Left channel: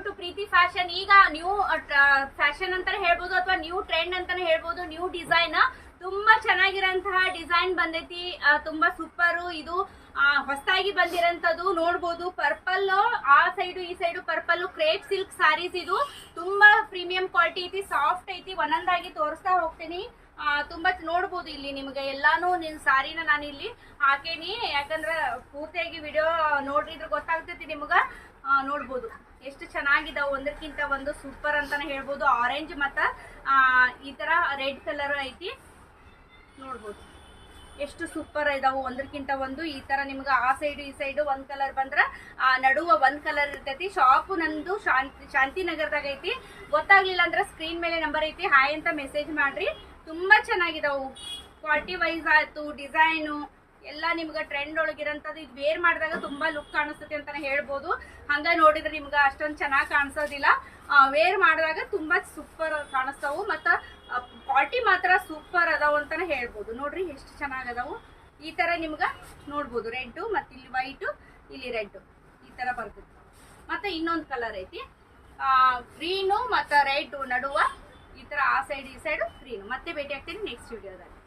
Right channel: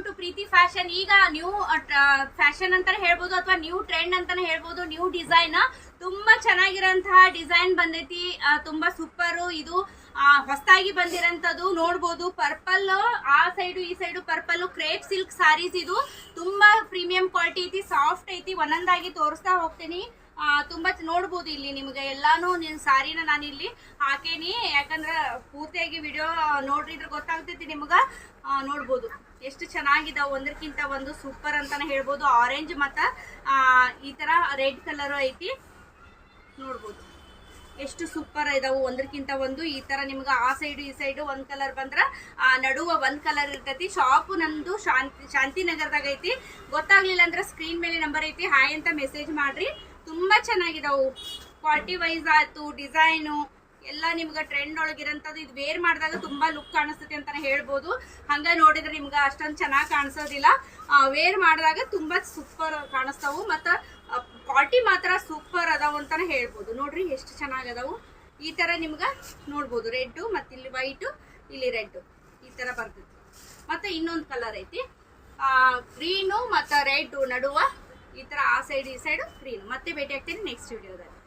Welcome to Preethi fashion. ಈಗ new fashion ಅಂತಾನೆ ಹೇಳ್ಬೋದು ಅಥವಾ ನ್ಯೂ ಟ್ರೆಂಡ್ ಅಂತಾನೆ ಹೇಳ್ಬೋದು. ನ್ಯೂ ಡಿಸೈನ್ ತುಂಬಾ ಚೆನ್ನಾಗಿರೋಂತಹ ಡಿಸೈನ್ ಬಂದೈತಿ, ತುಂಬಾ ಸೂಪರ್. ಇದು ಹೊಸದಾಗಿ ಬಂದಿರೋಂಥದ್ದು ನೋಡ್ಬೋದು. ಪರ್ಪಲ್ ಆ ಸೈಡು ಈ side purple crepe silk sarees. ಇದು ತುಂಬಾ ಪ್ರೀಮಿಯಂ ಕ್ವಾಲಿಟಿ ಐತಿ, ಸಾಫ್ಟ್ ಐತಿ. ಒಂದೊಂದಾಗಿ ತೋರಿಸ್ತಾ ಹೋಗ್ತೀನಿ. ತುಂಬಾ ನೋಡ್ಬೋದು ಇಲ್ಲಿ ನಿಮ್ಗೆ ಎಲ್ಲಾನು ಸಾರಿನ ನಾನು ಇಲ್ಲಿ ಹಾಕೇನಿ, ಯಾಕಂದ್ರೆ ಪೂರ್ತಿಯಾಗಿ ವಿಡಿಯೋ ನೋಡ್ರಿದ್ರೆ ಗೊತ್ತಾಗ್ತೈತಿ ನಿಮ್ಗ. ನೋಡ್ಬೋದು ಎಷ್ಟು ಚೆನ್ನಾಗಿದಾವ, ಒಂದಕ್ಕಿಂತ ಒಂದು ಸೂಪರ್ ಅಂತಾನೆ ಹೇಳ್ಬೋದು. ಆರೆಂಜ್ ಮತ್ತ ಈ ತರ ರೆಡ್ ಕಲರ್ ಐತಿ, ನೋಡ್ಬೋದು ಎಷ್ಟು ಸೂಪರ್ ಇದಾವು. ಒಂದಕ್ಕಿಂತ ಒಂದು ಈ ತರ ನಿಮ್ಗೆ ಆ ಸೈಡ್ ಈ ಸೈಡ್ ಒಂದ್ ಕಲರ್ ಬಂದ್ರ ನಡುವ ಒಂದ್ ಕಲರ್ ಇರ್ತೈತಿ. ಶಾಪ್ ನಂದು ಶಾಂತಿನಗರದಾಗ ಐತಿ. ಗೊತ್ತಾಗ್ಲಿಲ್ಲ ಅಂದ್ರೆ ಸ್ಕ್ರೀನ್ ಮೇಲೆ ನಂಬರ್ ಐತಿ, ಹಾಯ್ ಅಂತ ಮೆಸೇಜ್ ಮಾಡ್ರಿ. ತುಂಬಾ ಚೆನ್ನಾಗಿದಾವು, ಕ್ವಾಲಿಟಿ ವೈಸ್ ಆಯ್ತು, ಡಿಸೈನು ಎಲ್ಲ ನಿಮ್ಗೆ ಟ್ರೆಂಡ್ ಒಳಗಿರಂಥದ್ದು. ಇದು ವೇರ್ ಮಾಡಿದಾಗ ತುಂಬಾ ಲುಕ್ ಕಾಣಿಸ್ತೈತಿ ಅಂತಾನೆ ಹೇಳ್ಬೋದು. ಹಂಗ ನೋಡಿದ್ರೆ ನಿಮ್ಗೆ ಅಷ್ಟೊಂದು ಚೆನ್ನಾಗಿ ಕಾಣಿಸೋದಿಲ್ಲ, ವೇರ್ ಮಾಡಿದಾಗ ತುಂಬಾ ಸೂಪರ್ ಕಾಣಿಸ್ತಾವು. ಮತ್ತು ಕ್ವಾಲಿಟಿ ಮಾತ್ರ ಸೂಪರ್ ಅದಾವು ಅಂತಾನೆ ಹೇಳ್ಬೋದು. ನೋಡ್ರಿ ಎಷ್ಟು ಚೆನ್ನಾಗದಾವು. ಈ ತರ ನಿಮ್ಗೆ ನೋಡ್ಬೋದು, ರೆಡ್ ಮತ್ತು ಇಲ್ಲಿ ವೈಟು, ಇಲ್ಲಿ ರೆಡ್ ಈ ತರ ಬರ್ತೈತಿ. ಮತ್ತೆ ಇನ್ನೊಂದು ಕಲರ್ ಐತಿ, ಗ್ರೀನು ಮತ್ತು ರೆಡ್ ನಡುವ ಈ ತರ ಆ ಸೈಡ್ ಈ ಸೈಡು ಗ್ರೀನು. ಮತ್ತೆ ಭೇಟಿ ಆಗ್ತೀನಿ ನೆಕ್ಸ್ಟ್ ವಿಡಿಯೋದಲ್ಲಿ.